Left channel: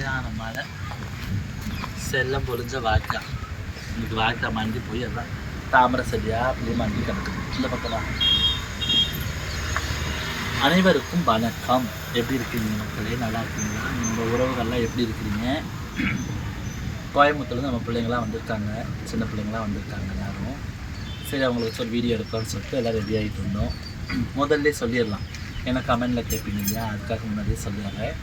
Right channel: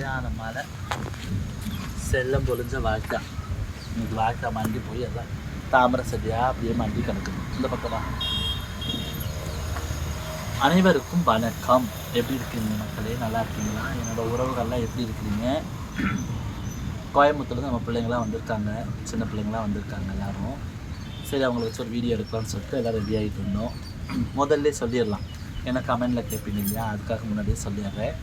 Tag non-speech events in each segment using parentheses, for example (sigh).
சரியான மழை செல்லம் பொழிஞ்ச வாய்க்கா இன்னைக்கு வாய்க்கா மண்டி போய் அதான் தாமரை செடியா அப்படியே மண்டி கிடக்குது இந்த பக்கமாக அனைவருக்கும் வணக்கம் எப்படி இருக்கீங்க மக்களே நல்லா இருக்கீங்களா என்னோட உறவுகள்லாம் எப்படி இருக்கிறீங்க கோயம்புத்தூர்ல நம்ம பிள்ளைங்களாம் வந்திருக்காங்க சின்ன பிள்ளைங்களாம் வந்திருக்காங்க எல்லாரும் சரி அவங்களுக்கு வச்சு ஒரு வீடியோ எடுக்கலாம்னு சொல்லிட்டு எல்லாம் ரெடி ஆகிட்டு இருந்தோம் முதல்ல சொல்லிடலாம் ஏன்னா கமெண்டில் கேட்பீங்க இல்லையா அதுக்காக முன்னாடியே சொல்லிடுறேன்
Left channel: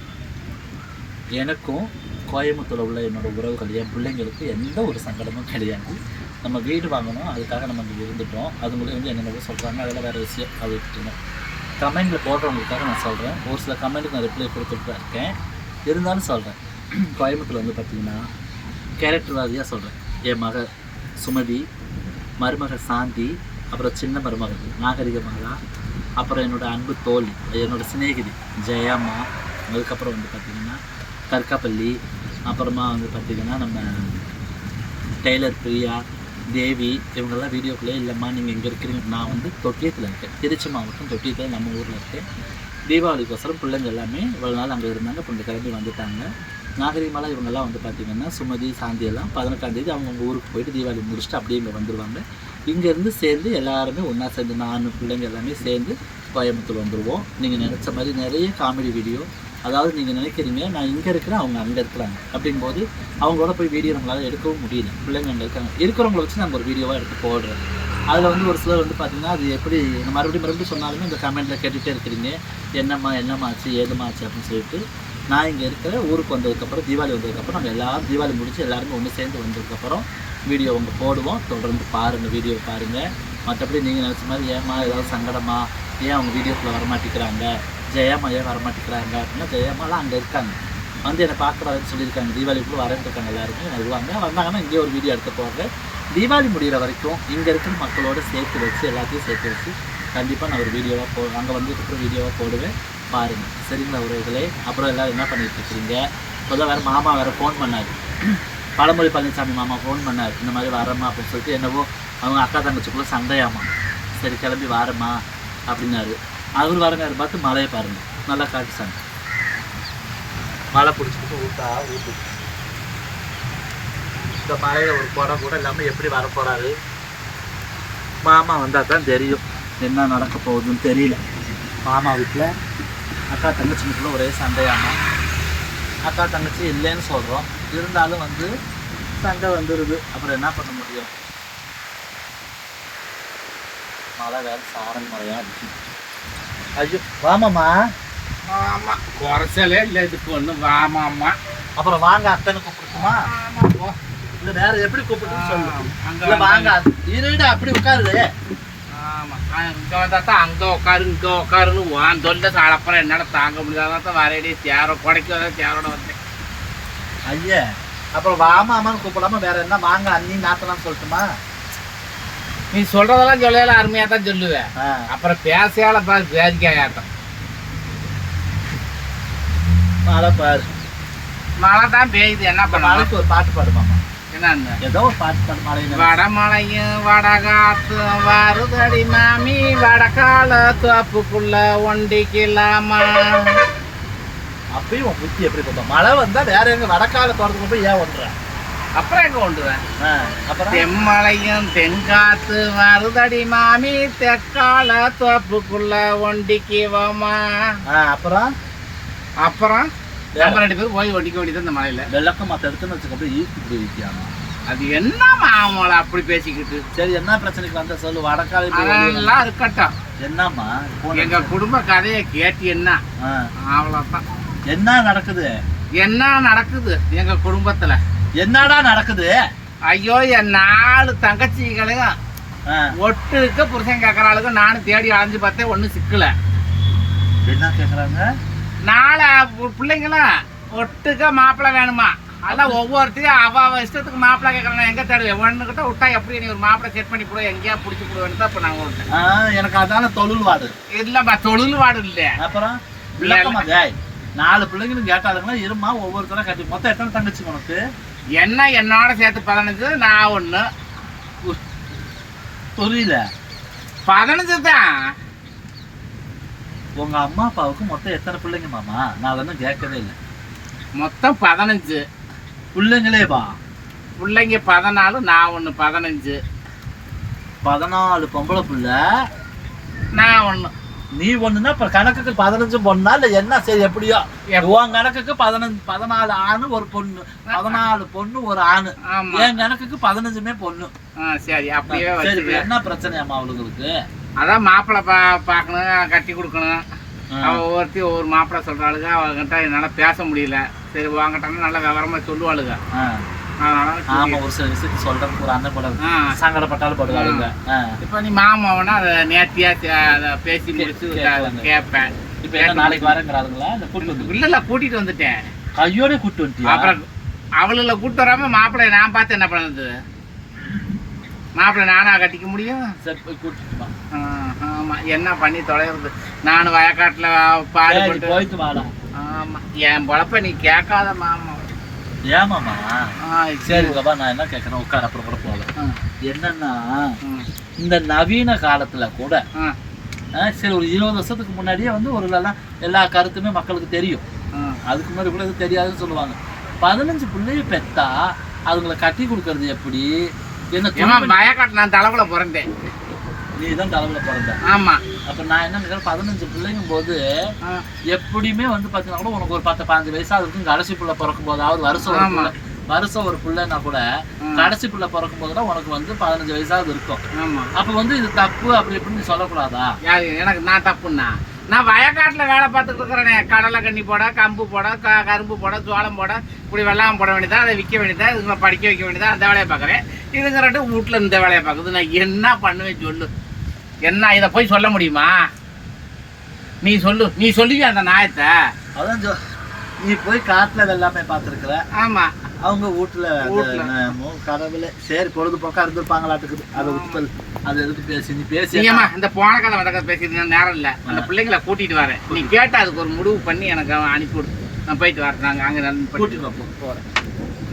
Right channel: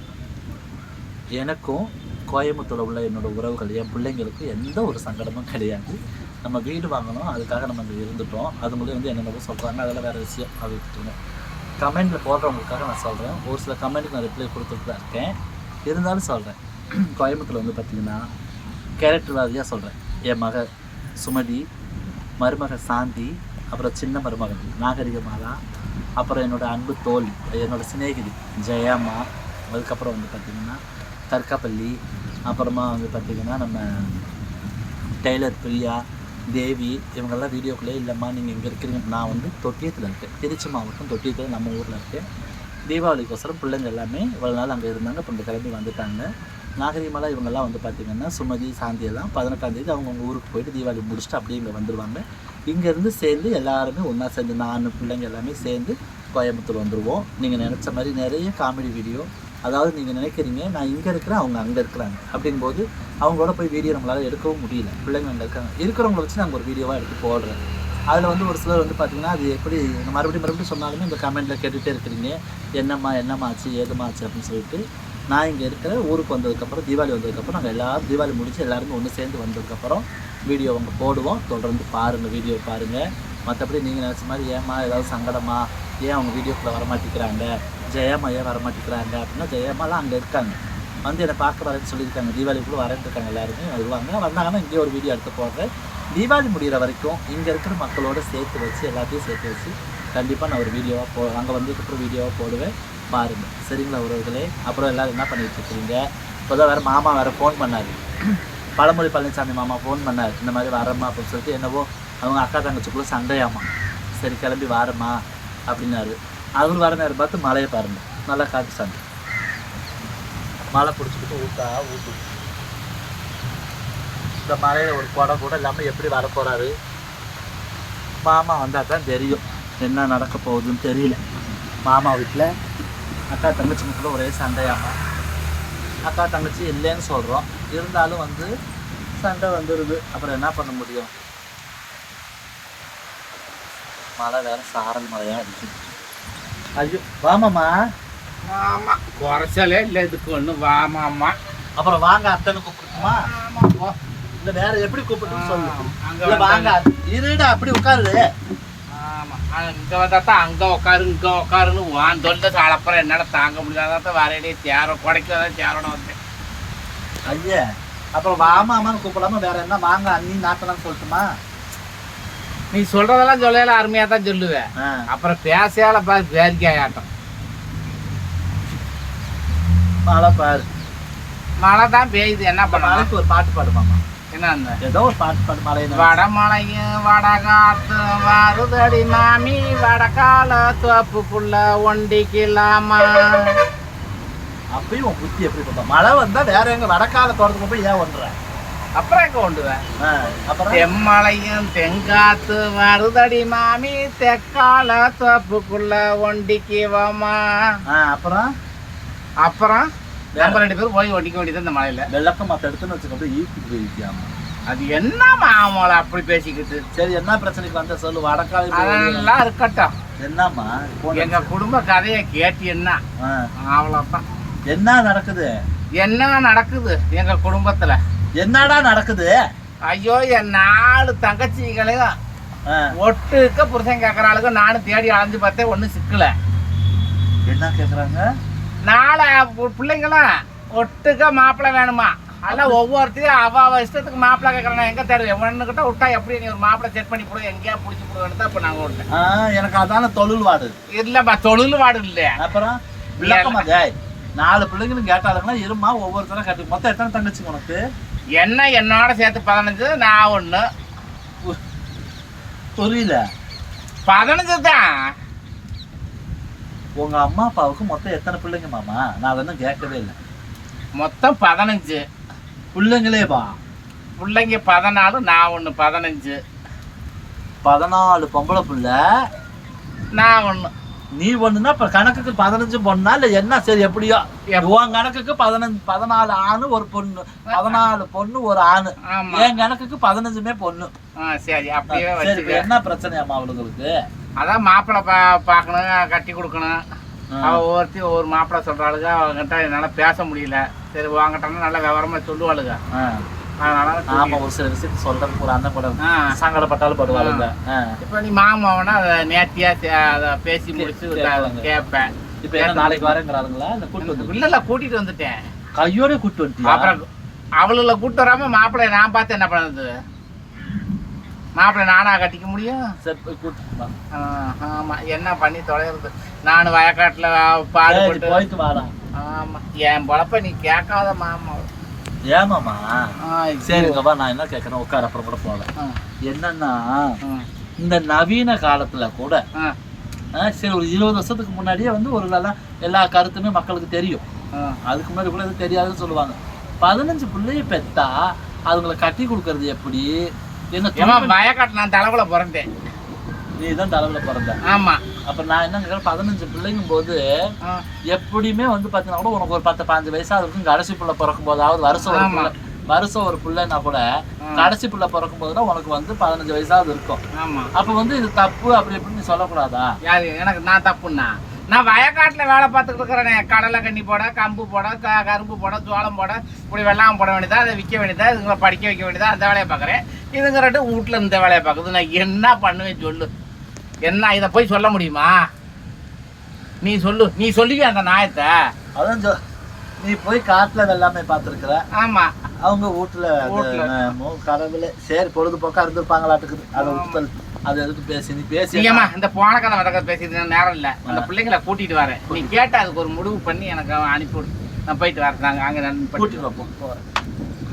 எனக்கும் கோயம்புத்தூரில் உள்ள என்னோட உறவுகள் என் பிள்ளைங்களுக்கு எந்த ஒரு சங்கடமும் கிடையாது. நம்ம வீடு வாங்கணும் அதுக்காக நம்ம இங்கே இருந்துட்டோம். அதுங்களும் வந்து என்னென்னவோ சொல்கிறாங்க அதெல்லாம் வேறு விஷயம். அது கமெண்ட்டில் கமெண்டில் போடுறவங்களுக்காக நான் சொல்கிறேன் ஒரு சில கமெண்ட்டுக்கு நான் ரிப்ளை கொடுத்துட்டு தான் இருக்கேன். இருந்தாலும் சொல்கிறேன் (clears throat) கோயம்புத்தூரில் வந்து பார்த்திங்கன்னா கேரக்டர் வாரியாக சொல்கிறேன் என் மகள் சுமதி மருமகள் சாந்தி அப்புறம் சின்ன மருமகள் நாகரிகமாலா அப்புறம் என்னோட அன்பு தோழி என்னோடய சிநேகிதி ஜெயம்மா அதுக்கப்புறம் வந்து பார்த்திங்கன்னா கற்காப்பள்ளி அப்புறமா வந்து பார்த்திங்கன்னா நம்ம டெய்லர் பிரியா தேவி இவங்கெல்லாம் வீடியோக்குள்ளே இல்லைம்மா நீங்கள் இங்கே இருக்கிறீங்க. நான் வந்து தொட்டியத்தில் இருக்கேன். திருச்சி மாவட்டம் தொட்டியத்தில் நம்ம ஊரில் இருக்கேன். தீபாவளிக்கோசரம் பிள்ளைங்க எல்லாமே இவ்வளோ நாள் அங்கே இருந்தாங்க. இப்போ இந்த கிளம்பி வந்துட்டாங்க. நாகரிகமாலாம் இவங்கெல்லாம் வந்து பார்த்திங்கன்னா சுமதி சாந்தி எல்லாம் அவங்கவுங்க ஊருக்கு போயிட்டு தீபாவளி முடிச்சுட்டு அப்படியே இங்கே வந்துடுவாங்க இங்கேருந்து சேர்ந்து எல்லாருமே ஒன்றா சேர்ந்து நான் பிள்ளைங்க எல்லாமே சேர்ந்து கோயம்புத்தூர் வந்துடுவோம் நீங்கள் நினச்ச மாதிரி நிறைய காமெடி வீடியோ அதாவது நீங்கள் நினைக்கிறீங்க நான் இங்கே இருக்கிறேன் அவங்க அங்கே இருக்கிறாங்க. அப்படிங்கும்போது அவங்களோட போய் வீடியோ நம்மளால் எடுக்கவும் முடியல. பிள்ளைங்க அங்கே இருக்காங்க. இருக்கிறவங்கள வச்சு நாங்கள் ஒரு வீடியோவாக எடுத்து போடுறோம் அதில் வந்து ஒரு சிலர் வந்து பார்த்தீங்கன்னா அது எப்படி மறுபடியும் மறுபடியும் சொன்னாலுமே இந்த கமெண்ட்டில் கேட்டுகிட்டே இருக்கிறீங்க. என்னம்மா என்னம்மா ஆச்சு ஏதும்மா ஆச்சு அப்படின்னு சொல்லிட்டு நான் இங்கே இருக்கிற ஊருக்கு வந்ததுக்கப்புறம் தீபாவளி வந்ததுக்கப்புறம் நாங்கள் எல்லாரும் தீபாவளி முடிச்சு எல்லாருமே ஒன்று சேர்ந்து வந்ததுக்கப்புறம் வீடியோ அவங்க போடுவோம். தொடர்ந்து பாருங்கள் வீடியோ பாருங்கள் மற்றபடி நீங்கள் நினச்ச மாதிரி ஏம்மா ஏதாவது சங்கடமா? ஏன் அவங்க வீடியோக்குள்ளே வரமாட்டேங்கிறாங்க? ஜெயம்மா ஏன் வரமாட்டேங்கிறாங்க அப்படின்னா ஜெயம்மாலாம் அங்கே இருக்காங்க. வந்து என்னை பார்க்க வரேன்னு சொல்லியிருக்காங்க. தீபாவளிக்குள்ளே வரேன்னு எல்லாருமே. வருவாங்க. வந்தாங்கன்னா இங்கே ஒரு வீடியோ எடுத்து போவாங்க. தீபாவளி முடிகிற வரைக்கும் இங்கே இருக்கிற மக்களோட சேர்த்து வச்சு எல்லாத்தையும் சேர்த்து வச்சு கண்டிப்பாக நான் ஒரு வீடியோவாக போ அங்கே வந்ததுக்கப்புறம் வீடியோவாக போடுவேன். பாருங்கள் சரிங்களா உறவுகளே? அப்புறம் எல்லோரும் என்ன பண்ணிட்டு இருக்கிறீங்க இப்போதான் வேறு மாமா வேறு ஃபோன் பண்ணார். பழமொழி பழனிசாமி மாமா ஃபோன் பண்ணார். இந்த மாதிரி வரேம்மா அப்படின்னு சொல்லிட்டு என்னவோ அவங்க அக்கா தங்கச்சிக்குள்ளே சண்டையாமா. சரி கிளம்பி வாரம்மா அப்படின்னாரு. அவர் வர நேரம் பார்த்து மழையை பாருங்க. நல்லா காட்டு சண்டை மழை பிடிச்சிக்கிட்டு ஊட்டா ஊட்டுது இந்த மழையில ஒரு குடம் கூட இல்லாமல் எப்படி வர போறாரு? மாமா வந்தால் தான் தெரியும். என்ன நடக்க போகுதுன்னு தெரியல. மாமா வீட்டில் அக்கா தங்கச்சிங்களுக்குள்ள ஒரே சண்டையாமா? அக்கா தங்கச்சி இல்லைன்னு சொல்கிறோம் இருந்தாலும் வந்து சண்டை வந்துடுது அப்புறம் என்ன பண்ண முடியும்? மழை வேற சாரல் மழையாக அடிக்குது. ஐயோ வாமாம்மா. ஆமா குறைச்சலே இல்லை இதுக்கு ஒன்றும் வாமாம்மா. அப்புறம் வாங்க அத்தனை கூப்பிட்டுமா இல்லை வேற எப்படி கூப்பிட்டுன்னு சொல்லு. அங்க வாங்க இருடா அப்படி உட்காருது. ஆமா. இங்க வந்தா தான் அங்க உட்காரு இங்க உட்காருன்னு வான் தொல்லை அப்புறம் என்னால தாங்க முடியாதான் வரேடி தேர குடைக்கு தேரோட வந்தேன். ஐயா அப்புறம் வாமாமான்னு கூப்பிடாம வேற என்ன? வாங்க அண்ணி நாத்தனான்னு சொல்லட்டுமா? நீ சொல்றதெல்லாம் சொல்லல அருமையா தான் சொல்லுவேன் அப்புறம் பேசையால பாரு வேடிக்கையாட்டம் மழை பாரு. மழை தான் பெய்யுது என்ன பண்ண மழைக்கு ஒரு பாட்டு பாடுமாமா? என்ன ஏதோ ஒரு பாட்டு பாடு மழையில வடமலையும் வடகாத்தும் வருதடி மாமி வடகால தோப்புக்குள்ள ஒண்டிக்கலாமா? அப்பயும் உன் புத்தி எப்படி மழை வந்தா வேற எங்க வடக்கால தோட்டத்துக்கு போய் ஏன் ஒன்ற? அப்புறம் எங்க கொண்டுவேன் அப்புறம்? தெம்மலையும் தெங்காத்து வருதடி மாமி தெக்கால தோப்புக்குள்ள ஒண்டிக்குவோமா? அப்புறம்? அப்புறம்? நம்ம ரெண்டு பேரும் போய் ஒண்டிக்க வேண்டியது இந்த மலையில. வெள்ளக்கம் மத்த எடுத்துன்னு வச்சுக்க அப்படியே ஈர்த்து போயிருக்கியாமா? அது என்ன மாமலை அப்படி பேசிக்கிட்டு? சரி என்ன பிரச்சனைக்கு வந்த? சொல்லு வடக்கால. அதெல்லாம் இருக்கட்டும். என்னம்மா? எங்க குடும்ப கதையை கேட்டீங்கன்னா ஆ, அவ்வளவுதான். என்ன நடக்குது? என்ன நடக்குது எங்க குடும்பத்துல? என்னடா நடக்குது? ஐயோ என் நாலு தங்கச்சிகளையும் ஒட்டுக்க புருஷன் கேட்கறாளுக்கு நானும் தேடி அலைஞ்சு பார்த்தேன் ஒன்றும் சிக்கல. என்ன கேக்குறாங்க? நாலு பு- பிள்ளைங்களும் ஒட்டுக்க மாப்பிள்ளை வேணுமா? அதெல்லாம் ஒவ்வொருத்தையும் அவ அவ இஷ்டத்துக்கு மாப்பிள்ளை கேட்கறேன் எங்க தேடுவேன்? ஒண்ணுகிட்ட விட்டா எப்படி நீ ஒரு மாப்பிள்ளை செட் பண்ணி போடு எங்கேயா பிடிச்சி போடுவேன்னு தான் இப்போ நாங்கள் விட்டேன் எனக்கு அதான தொழில் வாடு. இல்லைம்மா தொழில் வாடு இல்லை. அப்புறம் விளக்கமா நாலு பிள்ளைங்களும் கேட்டாளுங்கன்னா இருமா ஒவ்வொருத்தரும் கட்டி மொத்தம் எத்தனை தங்கச்சி உனக்கு? என்ன என்னோட சேர்த்து பதினஞ்சு நான் ஒன்று புரியல. பதினஞ்சு தான். உங்க அம்மா அப்பாவுக்கு மொத்தம் எத்தனை பிள்ளைங்க மாமா? நான் அதெல்லாம் கேட்கவே இல்லை. மொத்தம் பதினஞ்சு. பிள்ளைங்களே வா. பிள்ளைங்க பதினாலு நான் ஒன்று பதினஞ்சு. பதினாலு பொம்பளை புள்ள. நான் ஒன்று நீ ஒண்ணுன்னா இப்ப கணக்குக்கு பதினஞ்சு பொண்ணா இல்ல என்ன சரி எப்படியோ? எப்~ உன் கணக்குக்கு பதினஞ்சு பதினாலு ஆணு ஒரு பொண்ணு. பதினாலு பொண்ணு ஒரு ஆணு. என் கணக்குக்கு பதினஞ்சுமே பொண்ணு. சரி அப்படியே சரி என்ன பிரச்சனையாமா அவளுங்களுக்கு அதான் மாப்பிள்ளை பா பார்க்கணும் கட்டி கொடுக்கணும். ஆ. அவ ஒருத்தி ஒரு மாப்பிள்ளை சொல்றாளுங்க அவங்ககிட்ட என்னால் பேச முடியல. சரி வாங்கிட்டாலும் நல்ல விவரமா சொல்லுவாளுங்க. ஆமா ஒரு சில விஷயத்த சொல்றதுக்கு ஒரு அண்ணன் கூட சங்கடப்பட்டாலும் படுவாளுங்க. ஆ. இப்போ நீ மாமாவனா அதை நேர்த்தியா அதை பேசி முடிச்சு. கேட்பேன். இப்ப என்ன நாளைக்கு வரேங்கிறாளுங்களா? இல்ல கூட்டு வந்து இல்ல இல்ல கூட்டிட்டு வந்துட்டேன். கையோட கூட்டு வந்துட்டியா? அப்புறம் அவளுல கூட்டு வராம மாப்பிள்ளைய நான் பார்த்து என்ன பண்ணுறது மாப்பிள்ளை நானா கட்டிக்க முடியும்? கூட்டிட்டு ஆமா. என்ன பண்ணி தொலைகிறது நான் வயக்காட்டுல பாடுபட்டு போயிட்டு வாடா. ஆமா. என் பொழப்ப நீ கேட்காத மாமா. ஏமாமா ஆ, சரிங்க வா நான் என்ன கேட்கறேன்? உட்கார அப்புறம் கூட போகலாம் என்னன்னா இந்த நவீன காலத்துல கூட சரி ஒரு இருபது வருஷத்துக்கு முன்னாடியே வந்து ஒரு எல்லா கருத்துமே மக்களுக்கு தெரியும். அதுக்கு முன்னாடி கூட எதுவும் தெரியாதுன்னு சொல்லுவாங்க. பதினஞ்சு பிள்ளைய பெத்தா அதுங்களை கட்டி கொடுக்கறது எப்படி? என்ன வயக்காட்டு நான் தலைவுல பிறந்தேன். நீ தான் தலைவில் பிறந்த. ஆமா. அப்ப நான் என்ன பதினஞ்சு பிள்ளைங்கும் போது எப்படியுமே வந்து பார்த்தீங்கன்னா கூட உனக்கு ஒரு பத்து பாஞ்சு வயசா இருக்கும். கடைசி பிள்ளை பிறக்கும் போதாவது வருஷம் ஒரு ஆமா. பிள்ளை வருஷம் ஒரு பிள்ளைன்னா கூட. கடைசி பிள்ளை பிறக்கும் போதுதான் உனக்கு வந்து பதினஞ்சு வயசாவது இருக்கும். ஆமா. அப்ப வந்து இது தப்பு அப்படி இப்படின்னு நீ சொல்லக்கூடாதா? யாரு? எனக்கு நான் தப்புண்ணா? நான் வயக்காட்டுல வேலை பார்த்துக்கிட்டு இருக்கிறேன். கடலை கண்ணி போட கம்பு போட க கரும்பு போட சோளம் போட இப்படி வெள்ளாமை போட வேண்டியதா? அதை விற்க வேண்டியதா? இதுங்களை படிக்க வைக்க வேண்டியதா? அந்த வேலையை பார்க்குறேன். இதுங்க ரெண்டு வீட்டில் இந்த வேலையை பார்க்குது. நான் என்ன பண்ணுவேன் சொல்லு. என்ன இதை போய் சொல்ல முடியுமா? நீ சொல்லு நீ சொல்லுவியா அந்த நாயத்தை? அதான் நீ போய் காட்டுல வெள்ளாமை பார்த்துருக்குற. ஆமா. அவங்க வீட்டுல கடவுளே சரி பொழுதுபோக்கா இருந்திருப்பாங்களாட்டுக்குது. அதை விட்டு அதை எதுக்கு பேசி நீ பேசி நீங்கம்மா இந்த போன கதை வந்த கதை பேசிட்டு நேரம் இல்லை. அந்த பிள்ளைங்களை கூட்டிட்டு வரேன். நீ கேட்டு அதுக்கு ஒரு முடிவு பண்ணி எனக்கு அவன் அனுப்பிவிடு நான் போயிட்டு வரேன். நாங்கள் அங்கே கூட்டிட்டு. போகிறேன்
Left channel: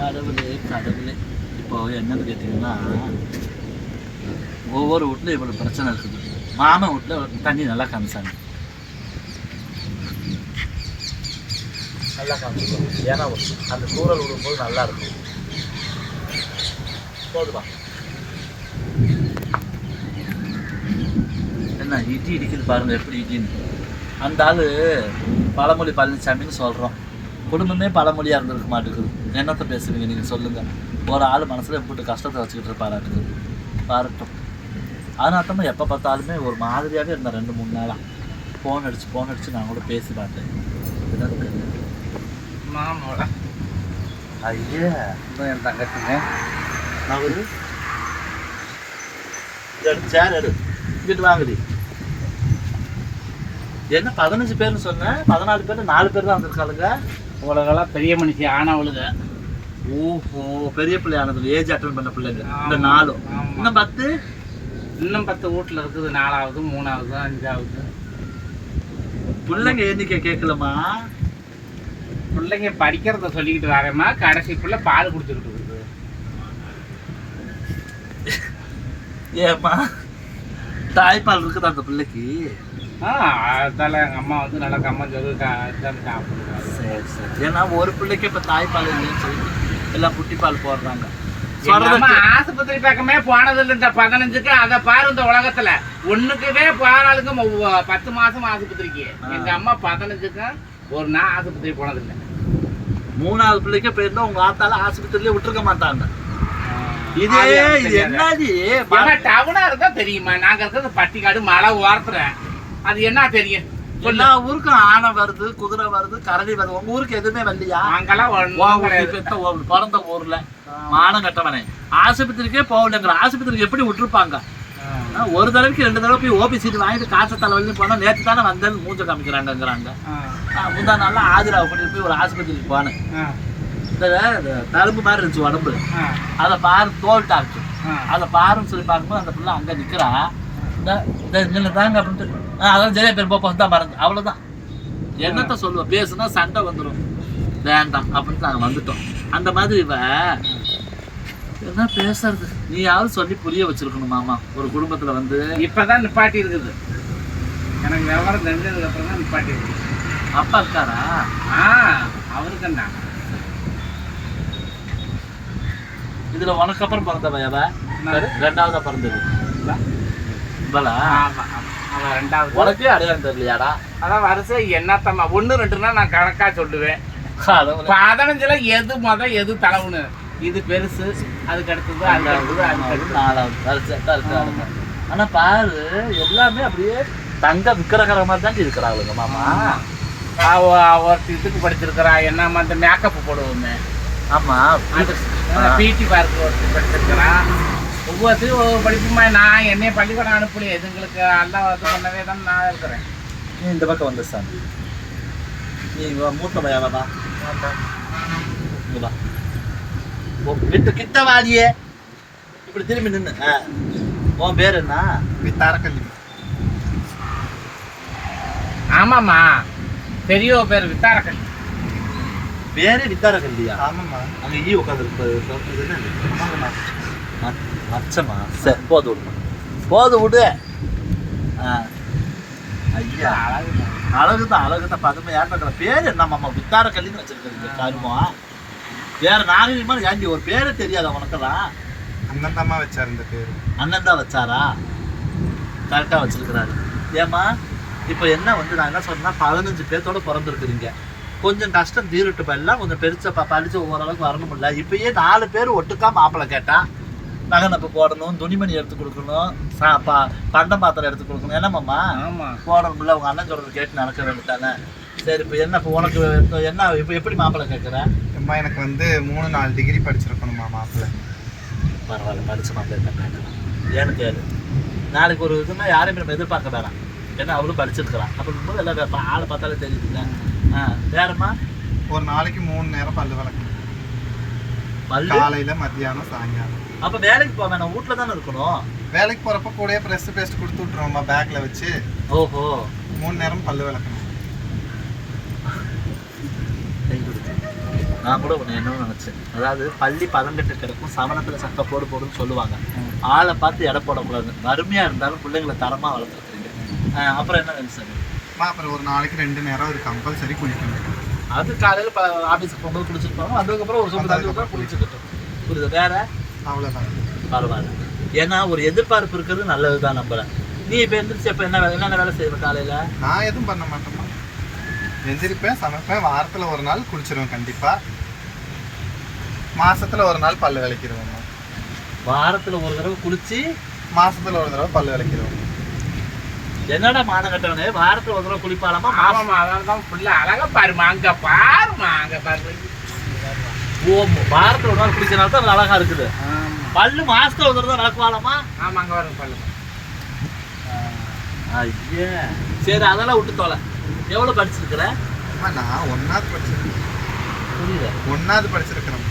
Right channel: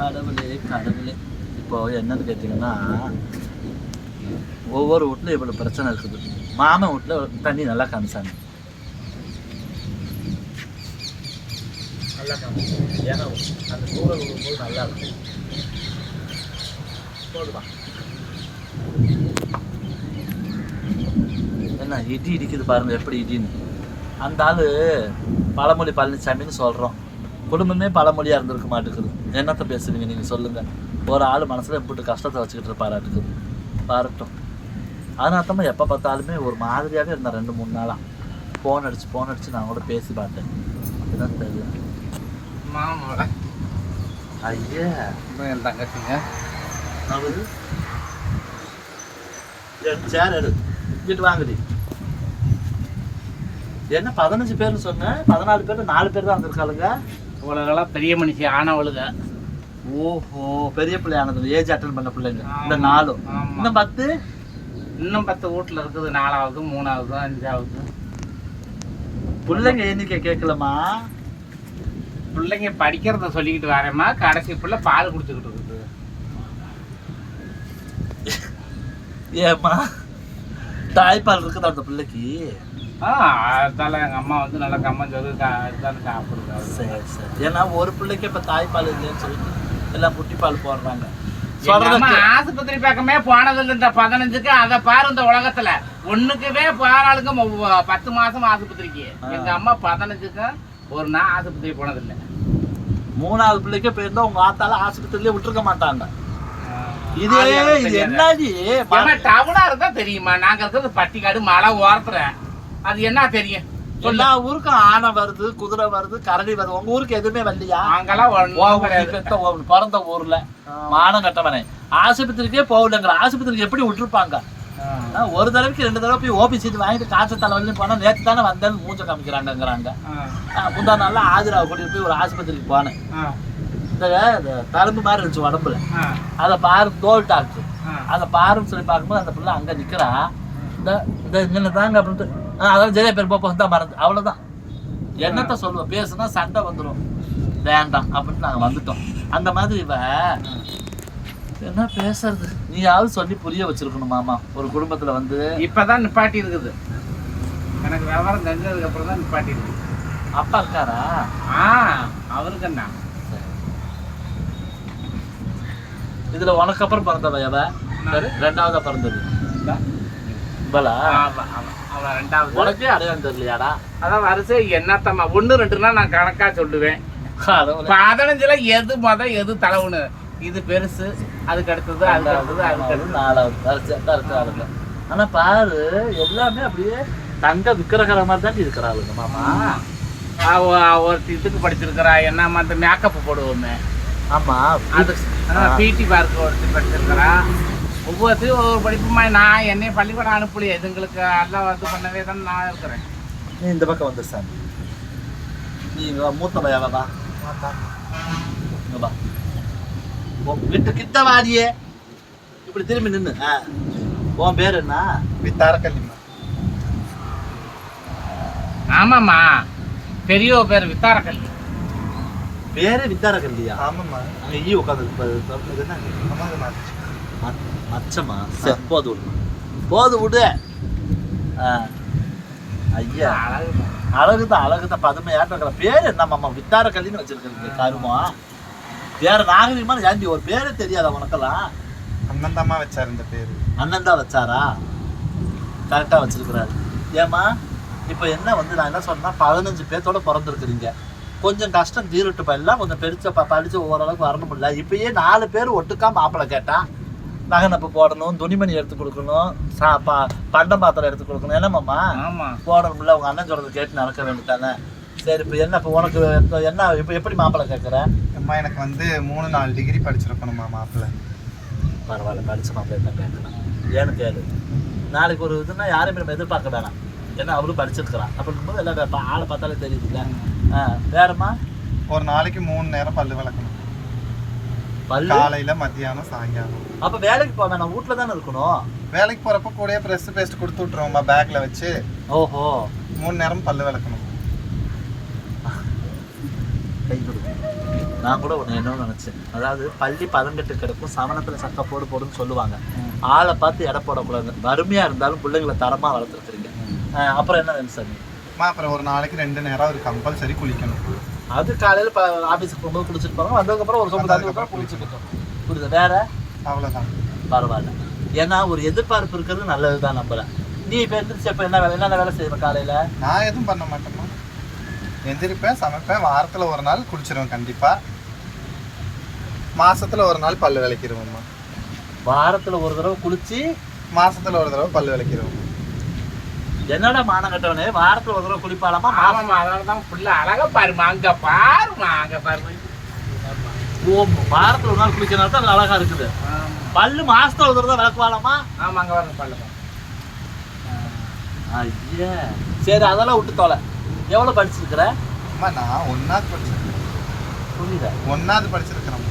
கடவுளே கடவுளே. இப்போ என்னன்னு கேட்டிங்கன்னா ஒவ்வொரு வீட்லயும் இவ்வளவு பிரச்சனை இருக்குது. மாமன் வீட்டுல தண்ணி நல்லா காமிச்சாங்க. நல்லா காமிச்சாங்க. ஏன்னா அந்த தூரல் விடும்போது நல்லா இருக்கும் போதுமா? என்ன இடி இடிக்குது பாருங்க எப்படி இடின்னு. அந்த ஆளு பழமொழி பழனிசாமின்னு சொல்றோம். குடும்பமே பழமொழியா இருந்திருக்க மாட்டேங்குது. என்னத்த பேசுவீங்க நீங்க சொல்லுங்க. ஒரு ஆள் மனசுல எப்படி கஷ்டத்தை வச்சுக்கிட்டு இருப்பாராட்டுக்கு. பாரட்டும். அதனால எப்போ பார்த்தாலுமே ஒரு மாதிரியாவே இருந்தேன் ரெண்டு மூணு நாளா. ஃபோன் அடிச்சு ஃபோன் அடிச்சு நான் கூட பேசி பார்த்தேன். இதுதான் தெரியல மாமாவோட ஐயே. இன்னும் என் தங்கச்சிங்க. நான் சேர் எடு. இங்கிட்டு என்ன பதினஞ்சு பேர்னு சொன்னேன் பதினாலு பேர் நாலு பேர் தான் வந்திருக்காளுங்க? இவளுகெல்லாம் பெரிய மனுஷி ஆனவளுக ஓஹோ பெரிய பிள்ளை ஆனதுல ஏஜ் அட்டன் பண்ண பிள்ளைங்க. இந்த. நாலும் ஆமா. இன்னும் பத்து? இன்னும் பத்து வீட்டில் இருக்குது. நாலாவது மூணாவது அஞ்சாவது. பிள்ளைங்க எண்ணிக்கை கேட்கலமா பிள்ளைங்க படிக்கிறத சொல்லிக்கிட்டு வரேம்மா. கடைசி பிள்ளை பால் குடிச்சுக்கிட்டு இருக்குது. ஏம்மா? தாய்ப்பால் இருக்குது அந்த பிள்ளைக்கு? ஆ அதால எங்கள் அம்மா வந்து நல்லா கம்மஞ்சோறு தான் சாப்பிடுறாரு சரி சரி. ஏன்னா ஒரு பிள்ளைக்கு இப்ப தாய்ப்பால் இல்லைன்னு சொல்லிட்டு எல்லாம் புட்டி பால் போடுறாங்க. சொல்றது ஆஸ்பத்திரி பக்கமே போனதில்லை இந்த பதினஞ்சுக்கு அதை பாரு இந்த உலகத்துல. ஒண்ணுக்குவே போறாளுங்க பத்து மாசம் ஆஸ்பத்திரிக்கு. எங்க அம்மா பதினஞ்சுக்கு ஒரு நாள் ஆஸ்பத்திரி போனதில்லை. மூணாவது பிள்ளைக்கு போயிருந்தா உங்க ஆத்தால ஆஸ்பத்திரியிலே விட்டுருக்க மாட்டாங்க. இதே இது ஏன்னா டவுனா இருந்தா தெரியுமா? நாங்க இருக்கிறது பட்டிக்காடு மலை ஓரத்துல. அது என்ன தெரியும்? எல்லா ஊருக்கும் ஆனை வருது குதிரை வருது கரடி வருது. உங்க ஊருக்கு எதுவுமே வரலையா? அங்கெல்லாம் பிறந்த ஊர்ல. மானம் கட்டவனே. ஆஸ்பத்திரிக்கே போகலங்கிற ஆஸ்பத்திரிக்கு எப்படி விட்டுருப்பாங்க? ஒரு தடவைக்கு ரெண்டு தடவை போய் ஓபி சீட் வாங்கிட்டு காய்ச்சல் தலைவலின்னு போனா நேற்று தானே வந்தேன்னு மூஞ்ச காமிக்கிறாங்கங்கிறாங்க. முந்தா நாள்ல ஆதிராவை கூட்டிட்டு போய் ஒரு ஆஸ்பத்திரிக்கு போனேன். இந்த தழும்பு மாதிரி இருந்துச்சு உடம்புல. அதை பாரு தோல் டாக்டர். அதை பாருன்னு சொல்லி பார்க்கும்போது அந்த பிள்ளை அங்க நிக்கிறா. இந்த இந்த தாங்க அப்படின்ட்டு. அதான் ஜெய பேர் போப்போ தான் மறந்து. அவ்வளவுதான். என்னத்த சொல்லுவோம் பேசுனா சண்டை வந்துடும் வேண்டாம் அப்படின்னு நாங்கள் வந்துட்டோம். அந்த மாதிரி இவ என்ன பேசுறது? நீயாவது சொல்லி புரிய வச்சிருக்கணும் மாமா. ஒரு குடும்பத்தில் வந்து இப்போதான் நிப்பாட்டி இருக்குது. எனக்கு விவரம் தெரிஞ்சதுக்கு அப்புறம் தான் நிப்பாட்டி இருக்குது. அப்பா இருக்காரா? ஆ அவருக்கு என்ன? இதில் உனக்கு அப்புறம் பிறந்தவ எவ? ரெண்டாவதா பிறந்தது. உனக்கே அடையாளம் தெரியலையாடா? அதான் வரிசை என்னத்தம்மா? ஒன்று ரெண்டுனா நான் கணக்காக சொல்லுவேன். பதினஞ்சுல எது மொதல் எது தலைவுன்னு இது பெருசு அதுக்கு அடுத்தது அதுக்கு அடுத்தது அதுக்கு அடுத்தது. நாலாவது வரிசையா தான் இருக்கிறாளுங்க ஆனா பாரு எல்லாமே அப்படியே தங்க விக்கிரகிற மாதிரி தான் இருக்கிறாளுங்க மாமா. அவ ஒருத்தி இதுக்கு படிச்சிருக்கிறா என்ன அந்த மேக்கப் போடுவோமே. ஆமா அது பிடி பார்க்க ஒருத்தி படிச்சிருக்கிறா. ஒவ்வொருத்தையும் ஒவ்வொரு படிப்புமா நான் என்னைய பள்ளிக்கூடம் அனுப்பலையே. இதுங்களுக்கு எல்லாம் இது பண்ணவே தான் நான் இருக்கிறேன். நீ இந்த பக்கம் வந்து சார் நீ மூத்த பையவா இங்க வா. உன் கிட்ட வாடியே இப்படி திரும்பி நின்னு. ஆ. உன் பேர் என்ன? வித்தாரக்கல்லிம்மா ஆமாம்மா. பெரியவ பேர் வித்தாரக்கல் பேரு வித்தார கல்லியா ஆமாம்மா. அங்க ஈ உட்காந்து என்ன மச்சமா சரி போது விடு. போது விடு. ஐயா. அழகு தான் அழகு தான் பதுமை ஏற்ற பேர் என்ன மாமா? வித்தார கல்லின்னு வச்சிருக்கிறீங்க கருமா. வேற நாகரிகமான ஏண்டி ஒரு பேரே தெரியாதா உனக்கெல்லாம்? அண்ணன் தாம்மா வச்சார் இந்த பேர். அண்ணன் தான் வச்சாரா கரெக்டாக வச்சிருக்கிறாரு. ஏம்மா இப்போ என்ன வந்து நான் என்ன சொன்னா பதினஞ்சு பேர்த்தோட பிறந்திருக்கிறீங்க. கொஞ்சம் கஷ்டம் தீரட்டுப்பா எல்லாம் கொஞ்சம் பெருசா ப- படிச்சு ஓரளவுக்கு வரணும் இல்ல. இப்பயே நாலு பேர் ஒட்டுக்கா மாப்பிள்ளை கேட்டா நகனப்பு போடணும் துணிமணி எடுத்து கொடுக்கணும் சா பா பண்டம் பாத்திரம் எடுத்து கொடுக்கணும். என்னம்மாம்மா ஆமா. போடணும்ல உங்க அண்ணன் சொல்றது கேட்டு நடக்க வேண்டியதானே சரி இப்போ என்ன இப்போ உனக்கு என்ன இப்போ எப்படி மாப்பிள்ளை கேட்குற அம்மா எனக்கு வந்து மூணு நாலு டிகிரி படிச்சிருக்கணுமா மாப்பிள்ளை. பரவாயில்ல படிச்ச மாப்பிள்ளை தான் ஏன்னு கேளு. நாளைக்கு ஒரு இதுன்னா யாரையும் நம்ம எதிர்பார்க்க வேணாம். ஏன்னா அவளும் படிச்சிருக்கிறான். அப்படிங்கும்போது எல்லாம் ஆளை பார்த்தாலே தெரியுதுல்ல. ஆ வேறம்மா? ஒரு நாளைக்கு மூணு நேரம் பல்லு விளக்கணும் பல்லு. காலையில மத்தியானம் சாயங்காலம். அப்ப வேலைக்கு போக வேணாம். வீட்ல தானே இருக்கணும்? வேலைக்கு போறப்ப கூடயே ப்ரெஸ் பேஸ்ட் கொடுத்து விட்டுருவோம்மா பேக்ல வச்சு. ஓஹோ. மூணு நேரம் பல்லு விளக்கணும். நான் கூட ஒன்று என்ன நினைச்சேன். அதாவது பள்ளி பதங்கட்டு கிடக்கும் சமணத்துல சக்க போடு போடுன்னு சொல்லுவாங்க. ஆளை பார்த்து எடை போடக்கூடாது. வறுமையா இருந்தாலும் பிள்ளைங்களை தரமா வளர்த்துருக்குறீங்க அப்புறம் என்ன வேணும் அப்புறம் ஒரு நாளைக்கு ரெண்டு நேரம் ஒரு கம்பல்சரி குளிக்கணும். அது காலையில ப ஆஃபீஸுக்கு போகும்போது குளிச்சிருப்பாங்க வந்ததுக்கப்புறம் ஒரு சொம்பு தண்ணி ஊற்றா குளிச்சுக்கிட்டோம் புரியுது? வேற? அவ்வளவுதான். பரவாயில்ல. ஏன்னா ஒரு எதிர்பார்ப்பு இருக்கிறது நல்லதுதான் நம்மள. நீ இப்போ எந்திரிச்சு இப்போ என்ன வேலை என்னென்ன வேலை செய்யற காலையில? நான் எதுவும் பண்ண மாட்டேம்மா. எந்திரிப்பேன் சமைப்பேன். வாரத்துல ஒரு நாள் குளிச்சிருவேன் கண்டிப்பா. மாசத்துல ஒரு நாள் பல்லு விளக்கிடுவோம்மா வாரத்துல ஒரு தடவை குளிச்சு மாசத்துல ஒரு தடவை பல்லு விளக்கிடுவோம் என்னடா மானம் கட்டவனே வாரத்துல ஒரு தடவை குளிப்பாலாமா ஆமாம்மா அதனால தான் ஃபுல்லா அழகா பாருமா அங்க பாருமா அங்க பாரு. ஓ வாரத்துல ஒரு நாள் குளிக்கிறனால தான் அது அழகா இருக்குது. பல்லு மாசத்துல ஒரு தடவை விளக்குவாலாமா ஆமா அங்க பாருங்க பல்லு. ஐயா. சரி அதெல்லாம் விட்டு தொலை. எவ்வளவு படிச்சிருக்கிற? அம்மா நான் ஒன்னாவது படிச்சிருக்கேன். புரியல ஒன்னாவது படிச்சிருக்கிறேன்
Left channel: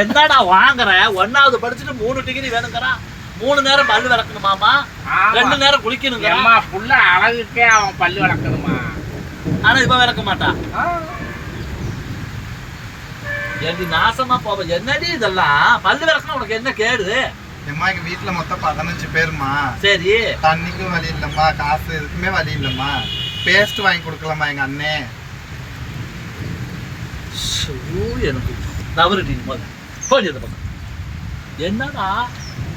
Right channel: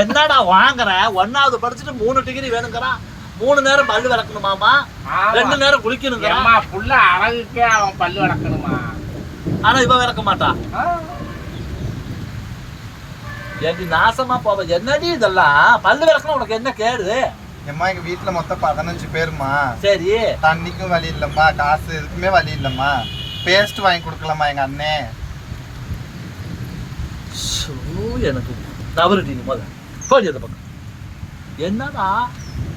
என்னடா வாங்குற? ஒன்னாவது படிச்சுட்டு மூணு டிகிரி வேணுங்கிறான் மூணு நேரம் பல்லு விளக்கணுமாமா. ரெண்டு நேரம் குளிக்கணுங்க. ஏம்மா ஃபுல்லா அழகுக்கே அவன் பல்லு வளர்க்கணுமா ஆனா இவன் விளக்க மாட்டான். ஏண்டி நாசமா போவ. என்னடி இதெல்லாம்? பல்லு விளக்கணும் உனக்கு என்ன கேடு? எம்மா எங்க வீட்டுல மொத்தம் பதினஞ்சு பேருமா சரி. தண்ணிக்கும் வழி இல்லம்மா காசு எதுக்குமே வழி இல்லம்மா. பேஸ்ட் வாங்கி கொடுக்கலாமா எங்க அண்ணே? எனக்கு தவறுடி நீ முதல்ல. அந்த பக்கம். என்னடா?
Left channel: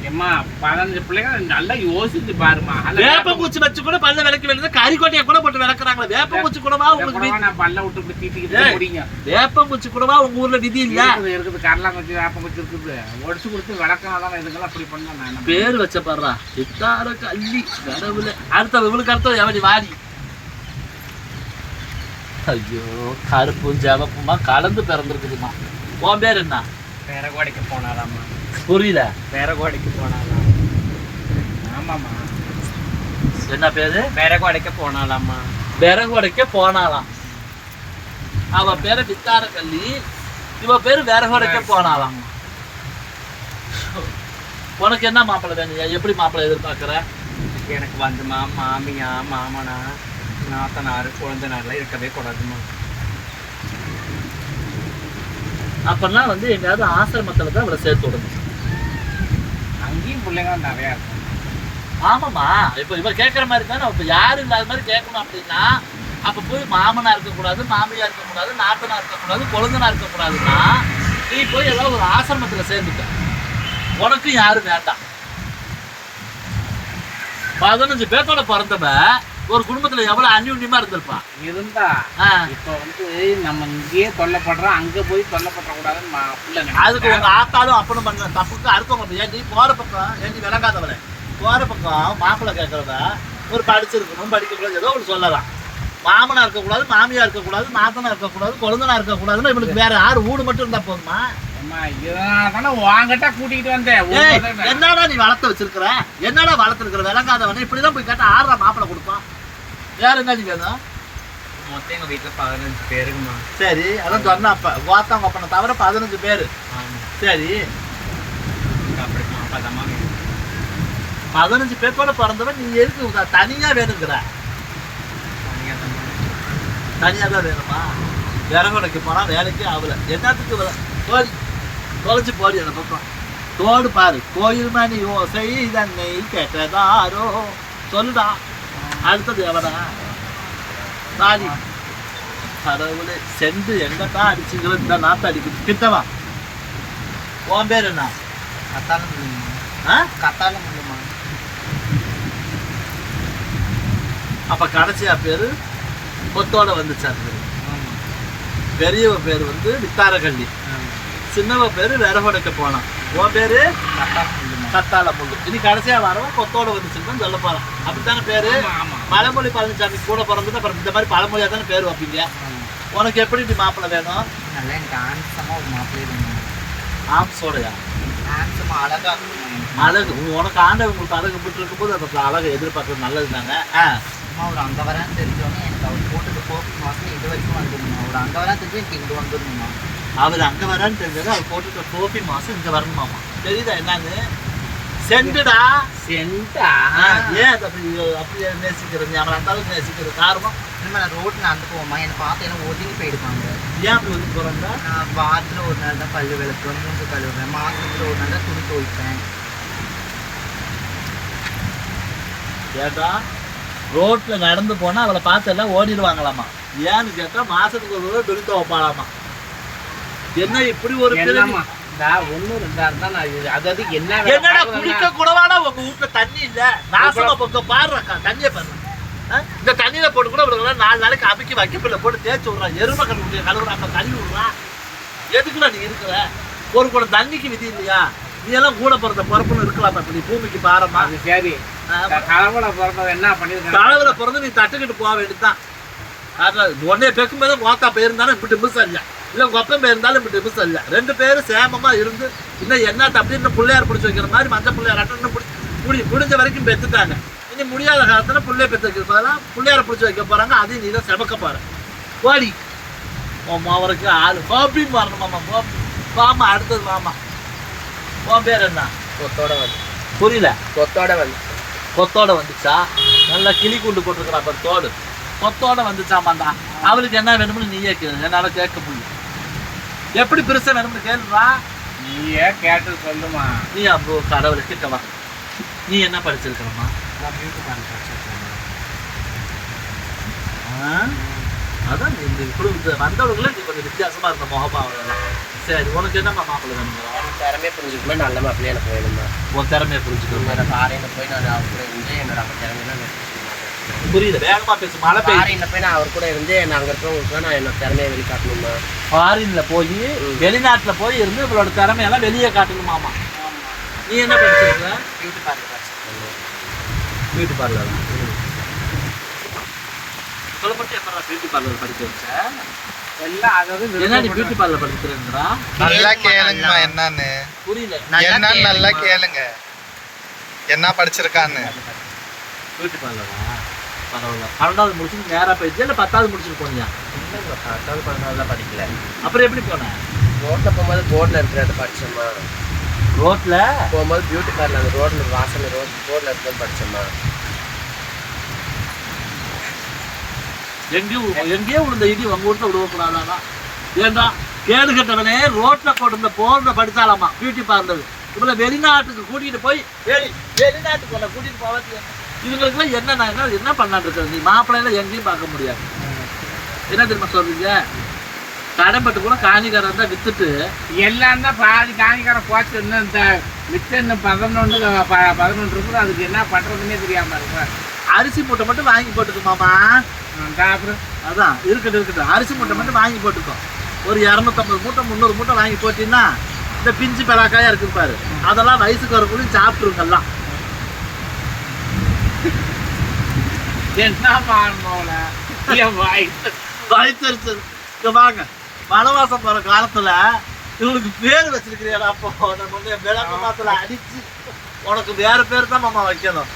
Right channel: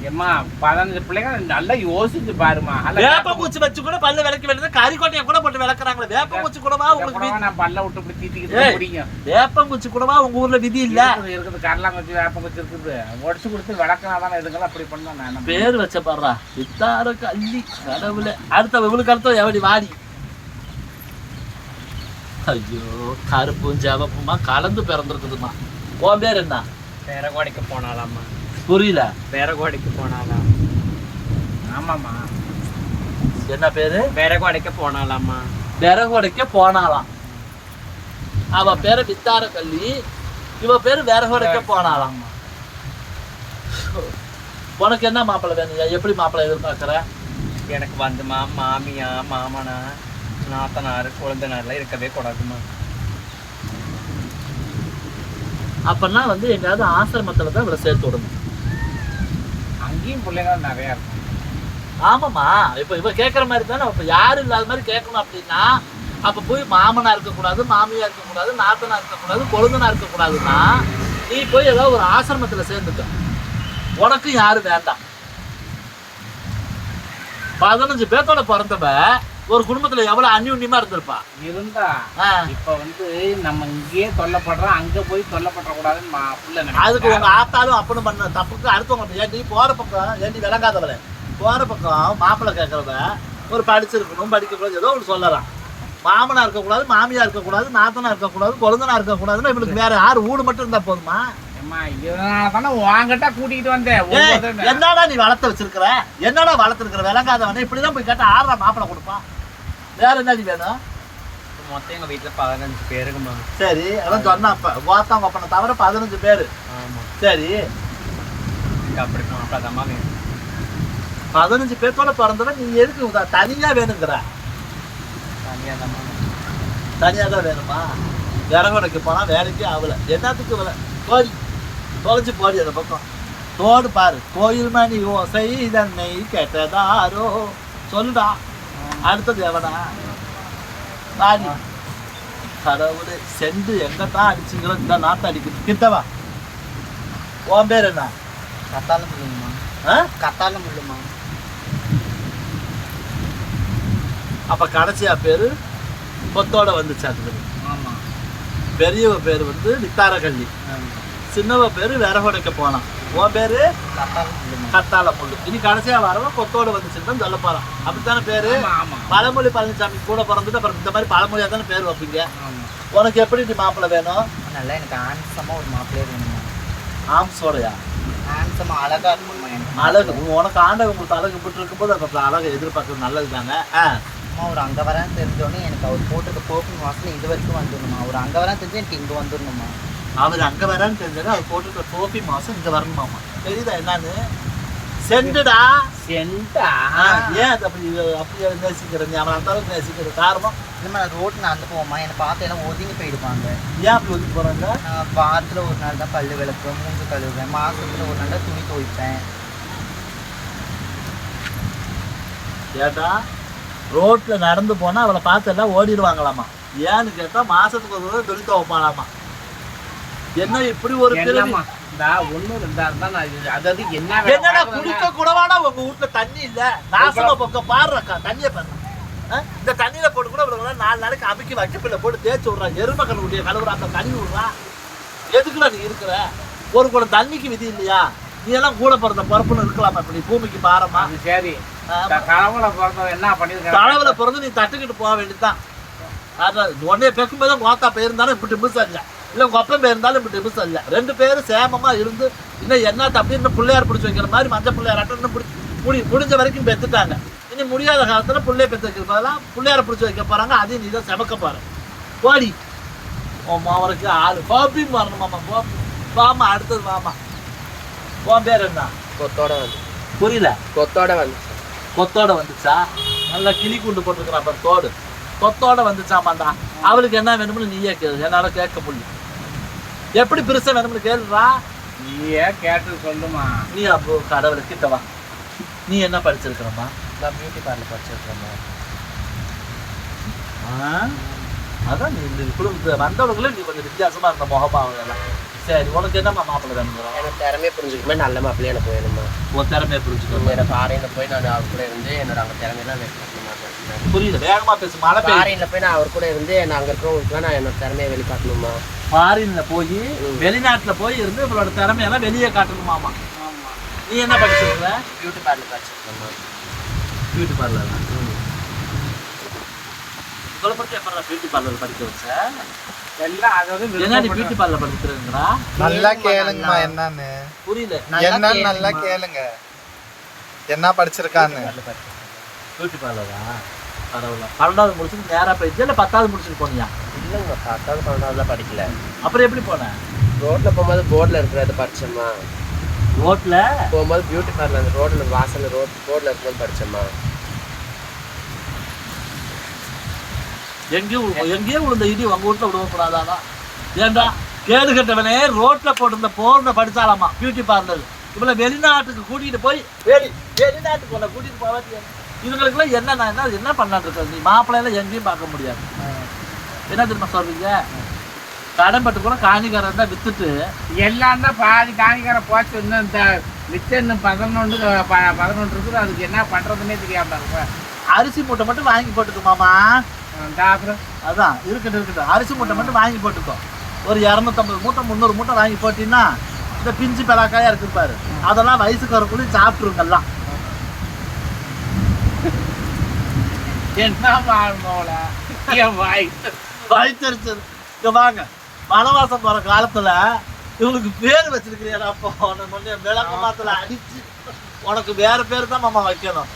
ஏம்மா பதினஞ்சு பிள்ளைங்க நல்லா யோசிச்சு பாருமா வேப்ப பூச்சி வச்சு கூட பல்லு விளக்க வேண்டியது கறிக்கொட்டையை கூட போட்டு விளக்குறாங்களே. வேப்ப பூச்சி கூடவா உங்களுக்கு நான் பல்ல விட்டு இப்படி தீட்டிக்கிட்டு. முடியும் வேப்ப பூச்சி கூடவா உங்க ஊர்ல விதி இல்ல? இருக்குது கடலாங்குச்சி வேப்பங்குச்சி இருக்குது. ஒடிச்சு கொடுத்து விளக்கினா தானே இதுங்கெல்லாம் அப்படி பண்ணா நான் பேர் வச்ச பாடுறா. சித்தார கள்ளி கடவுளே. அடுத்த இவளுக்கு அடுத்த எவடி வாடி? ஐயோ கருப்பும் ஜவப்புமா கலந்து பிறந்திருக்குதுமா. உன் பேர் என்ன? பேரகோடைக்கு போனாலாம்மா. புரியல பேரகோடைக்கு போனாலாம் ஆமாம்மா. என்ன பேரு? பேரகோடைக்கு போனாலாம்மா. விறகு உடைக்க போனாலாம் அவ பேரு வித்தார கள்ளி இவ பேரு விறகு உடைக்க போனாலாம் உனக்கு என்ன மாப்பிள்ளை வேணும் எப்படி மாப்பிள்ளை எதிர்பார்க்கற? எனக்கு வந்துமா மாமியா மாமனா நாத்தனார் குழந்தைனார்லாம் இருக்கவே கூடாதுமா அப்பன்னா வந்து எங்கேயாவது ஆசிரமத்துல தான் இவளை சேர்த்து விடணும். அங்கேயும் பிள்ளைங்க நிறையா இருக்கும் ஆமாம்மா. இப்போ இவ கேட்குற மாதிரி தானே. இப்போ யாரும் இல்லாத மாதிரி கேட்கணும் அப்படின்னா அப்போ போய் மாமனா இருக்கக்கூடாது மாமியா இருக்கக்கூடாது நாத்தனா இருக்கக்கூடாது கொழுந்தனா இருக்கக்கூடாதுன்னா நீ போய் ஏதாவது ஒரு ஆசிரமத்துல சேர்ந்துட்ட உனக்கும் யாரும் வேண்டாம். பதினஞ்சு பேர்த்தோட பிறந்தவ ஒரு குடும்பத்துல எவ்வளவு அந்யுன்யமா இருந்திருப்பா? இருந்தா இப்ப வந்து நம்ம இங்கேயே தொல்லப்படுறோம் அங்க போய் தொல்லப்பட கூடாதுன்னு அதுக்கு. உங்க ஆத்தாலும் அப்பனும் பண்ண தப்புக்கு அடுத்தவங்க ஏன்டி போற பக்கம் ஏன்டி விளங்காதவளே? போற பக்கம் மாப்பிள்ளை கேட்கறவ ஒரு படிச்சிருக்கணும் படிக்க கூடாது ஏதோ ஒரு சொல்லலாம். மாமனா இருக்கக்கூடாது மாமியா இருக்கக்கூடாது நாத்தனா இருக்கக்கூடாது கொழுந்தனா இருக்கக்கூடாதுன்னா இவனுக்கு வேற யாரு? ஊடு மட்டும் இருந்தா போதுமா? என்னடா நீ வளர்த்து வச்சிருக்கிற? என்னடா வளர்த்துருக்கிற விளங்காதவனே இப்படிதான் போய் கேட்டா ஆறா மாப்பிள்ளை கொடுப்பான். வேற என்ன நீ வேணும் மொத்தம் எங்க வீட்டுல பதினஞ்சு பேருக்குமா சரி அதான் சொன்னா அப்ப கோத்தாங்க அப்பனை தவிர பதினஞ்சு பேரு ஆமா சரி அப்பதாம்மா வேணும் பதினஞ்சு பேர் கூட பிறந்தவன் நீ எதுக்கு உத- தனியா வேணுங்கிற தனியா தான் தனியா தான் வேணுமா விறகுடைக்கு போனா வேலைக்கு ஆகல என்னத்துக்கு போடி தொலைச்சு போடி அந்த பக்கம் தோடு பாரு கோயில் மணி ஓசை தன்னை கேட்டதாரோ சொல்லுடா அடுத்தது எவனா நாடி கடவுளே செண்டு எங்கத்தான் அடிச்சுங்கிற இந்த நாத்த அடிக்குது கிட்டவா உன் பேர் என்ன கத்தால ஆ? கத்தால முள்ளுமா அப்ப கடைசியா பேரு கொத்தோட வந்துச்சு அது ஆமா பெரியவ பேர் வந்து வித்தாரகள்ளி ஆமா சின்னவ பேரு விறகுடைக்க போனான் உன் பேரு கத்தால கத்தால முள்ளு. இனி கடைசியா வரவன் கொத்தோட வந்துச்சுன்னு சொல்ல போறான். அப்படித்தானே பேரு. பழமொழி பழனிசாமி கூட பிறந்துட்டு அப்புறம் இந்த மாதிரி பழமொழியா தானே பேர் வைப்பீங்க? ஆமா உனக்கு எப்படி நீ மாப்பிள்ளை வேணும்? நல்லா எனக்கு ஆன்சமா ஒரு மாப்பிள்ளையே வேணுமா ஆம்ஸோடையா ஆன்சமா அழகா இருக்கணுமா எனக்கு. அழகு. உனக்கு ஆண்டவன் உங்களுக்கு அழகு விட்டு இருக்கும்போது அந்த அழகை எதிர்பார்க்கறது நல்லது தாங்க அம்மா ஒரு அங்க வரான்னு தெரிஞ்சோடனே எனக்கு அவர் போட்டுட்டு கோப்பி வாசல் இது வரைக்கும் வந்துடணுமா ஒரு அங்க வரான்னு தெரிஞ்சு எனக்கு இங்க வந்துடணுமா அவர் அங்க வரான்னு தெரிஞ்சது அவர் போட்டுட்டு கோபி மாசம் இங்க வரணுமாமா தெரியுதா என்னன்னு? சென்டுடா? சென்டா? ஏன் அது அப்படி அப்படி நேசிக்கிறது? அவன் அந்த அளவுக்கு நேசிக்கிறது. காரணம் இனிமே நான் ரோட்ல நடந்து போமா என்னை பார்த்து எல்லாம் ஒதுங்கி போயிடுவாங்க. ஏன் அப்படி ஒதுக்கி போறாங்க? நான் வாரத்துல ஒரு நாள் தான் பல்லு விளக்குவேன் மூஞ்சி கழுவுவேன் மாசத்துல ஒரு நாள் தான் துணி துவைப்பேன். ஏட்டா ரோட்ல நடந்து போனா அவளை பார்த்து எல்லாம் ஓடிடுவாங்களாமா ஏன்னு கேட்டா மாசத்துக்கு ஒரு தடவை துணி துவைப்பாளாமா என்ன இப்படி ஒரு என்னடா குடிக்க கூடவாடா உங்க வீட்டுல தண்ணி இல்ல? நாசமா பொங்க பாடுறக்கா தண்ணிய பாரு ஆ? இந்த தண்ணியில போட்டு கூட இவளுக்கு நாலு நாளைக்கு அமுக்கி வைக்கப்பில்ல போட்டு தேய்ச்சி விட்றா. எருமை கழுவுடைய கழுவுறா அப்ப கழுவி விடுறா. எதுக்குடா நீ இருக்கிற? ஒரு குடம் தண்ணிக்கு விதி இல்லையா? நீ எல்லாம் கூட பிறந்த பிறப்புன்னு இருக்கலாம் இப்ப நீ பூமிக்கு பாரமா. சரி. ஆமா. கடவுளை பிறந்தவன் என்ன பண்ணிருக்கான் கடவுளை பிறந்து நீ தட்டுக்கிட்டு போக வேண்டியதுதான். அதான் உடனே பெக்கும்போது கோத்தா போயிருந்தாலும் இப்படி மிஸ் இல்ல இல்ல உங்க அப்பன் போயிருந்தாலும் இப்படி மிஸ் இல்ல. ரெண்டு பேரும் சேமமா இருந்து இன்னும் என்னத்த அப்படின்னு பிள்ளையார் பிடிச்சி வைக்கிற மாதிரி மஞ்சள் பிள்ளையார் அட்டன் முடி முடிஞ்ச வரைக்கும் பெத்துட்டாங்க. இனி முடியாத காலத்துல பிள்ளைய பெத்து வைக்கிற பதிலாக பிள்ளையார பிடிச்சி வைக்க போறாங்க. அதையும் நீ தான் செமக்க ஓடி உன் மாவனுக்கு ஆளு. பாப்பி வரணுமாமா பாப்பி வாமா அடுத்தது வாமா. உன் பேர் என்ன? கொத்தோட வந்து புரியல. கொத்தோட வந்து கொத்தோட வந்துச்சா? நல்லா கிளி குண்டு போட்டிருக்கிறான் பாரு தோடு. கொத்தோட வந்துச்சாமாண்டா? அவளுக்கு என்ன வேணும்னு நீயே கேளு. என்னால கேட்க முடியல. எப்படி பெருசா வேணும்னு கேளுடா. நீயே கேட்டு சொல்லுமா. நீ அப்போ கடவுளை கிட்ட வா. நீ என்ன படிச்சிருக்கிறம்மா? நான் பியூட்டி பார்லர் படிச்சிருக்கேன் ஆ? அதான் நீ இந்த குடும்பத்து வந்தவங்களே நீ கொஞ்சம் வித்தியாசமா இருந்த முகபாவம் எல்லாம் சரி உனக்கு என்னம்மா மாப்பிள்ளை வேணுங்கிற எனக்கு திறமையை புரிஞ்சுக்குமே நல்ல மாப்பிள்ளை எனக்கு வேணுமா உன் திறமையை புரிஞ்சுக்கோங்க என்னோட ஃபாரினில் போய் நான் அவர் கூட இருந்து என்னோட அங்கே திறமையெல்லாம் வெளிக்காட்டணும் புரியல வேகமா பேசு மழை ஃபாரினில் போய் நான் அவர் கூட இருந்து நான் அங்கே இருக்கிறவங்களுக்கு நான் என்னோட திறமையை வெளிக்காட்டணுமா ஃபாரின்ல போய் வெளிநாட்டுல போய் இருந்து இவளோட திறமையெல்லாம் வெளியே காட்டணுமாமா நீ என்ன படிச்சிருக்க பியூட்டி பார்லர் படிச்சிருக்கேன். பியூட்டி பார்லர் தான் பத்தி எப்படா பியூட்டி பார்லர் படிக்க வச்ச? எல்லாம் அதாவது என்ன நீ விருப்பப்பட்டு- பியூட்டி பார்லர் படிக்கிறேங்கிறா நல்லா கேளுங்கம்மா என்னன்னு. புரியல. என்னன்னு நல்லா கேளுங்க. என்ன படிச்சிருக்கான்னு. பியூட்டி பார்லரா பரவாயில்ல. பன்னெண்டாவது முடிச்சுட்டு நேரா போயிடுச்சு. இல்லை பத்தாவது முடிச்சுட்டு போனியா? இல்லைங்க பத்தாவது பன்னெண்டாவதுலாம் படிக்கல. அப்புறம் எப்படி போனேன் ரோட்டில் போகும்போது போர்டில் இருக்கிறத படிச்சோம்மா. ரோட்ல? போகும்போது பியூட்டி பார்லர் அந்த ரோட்டில் வாசல் ரோட் ரோட்டில் இருக்கும்போது படிச்சோம்மா. எங்கேயும் எங்கேயோ விழுந்த இடி உங்க வீட்டுல விழுவக்கூடாதானா ஏண்டா? கேடு கட்டவனே ரோட்ல போட்டிருந்த போர்ல படிச்சாலாமா பியூட்டி பார்லர் இவ்வளவு வெளிநாட்டுக்கு கூட்டிட்டு போய் வெளி வெளிநாட்டுக்கு உன்னை கூட்டிட்டு போவாது இவங்களுக்குலாம் என்ன? நான் என்ன என்ன பண்ணாட்டு இருக்கிறது நீ மாப்பிள்ளையில எங்கேயும் பார்க்க முடியாது. என்ன தெரியுமா சொல்றீங்க? கடம்பட்டு கூட காணிக்காரன் தான் வித்துட்டு எல்லாம் தான் பாதி காணிக்கார போச்சு. இன்னும் இந்த மிச்சம் இன்னும் பதினொன்று ப- பதினொன்று இருக்குது. அதுக்கு என்ன பண்ணுறதுன்னே தெரியாமல் இருக்கும் அரிசி மூட்டை மட்டும் வாங்கி போட்டுக்கோ மாமா அஹ் அப்புறம் அதான் இருக்கட்டும் இருக்கட்டும் அரிசி மூட்டை மட்டும் வாங்கி போட்டுக்கோ. ஒரு இரநூத்தம்பது மூட்டை முந்நூறு மூட்டை வாங்கி போட்டீங்கன்னா இந்த பிஞ்சு பலாக்காயா இருக்கு பாரு. அதெல்லாம் வயசுக்கு வரக்குள்ளே சாப்பிட்டுருங்கெல்லாம் என்ன பாருங்கோல என் வாய். வயிற்றுச்சு இங்க வாங்க. மலவாசம் போற காலத்துல இவங்களுக்கு பேர் வச்சிருக்கிறியா அப்போ? நம்ம விளக்க மாத்துல அடிச்சு உனக்கு வேற பேர் தான் மாமா வைக்கணும்.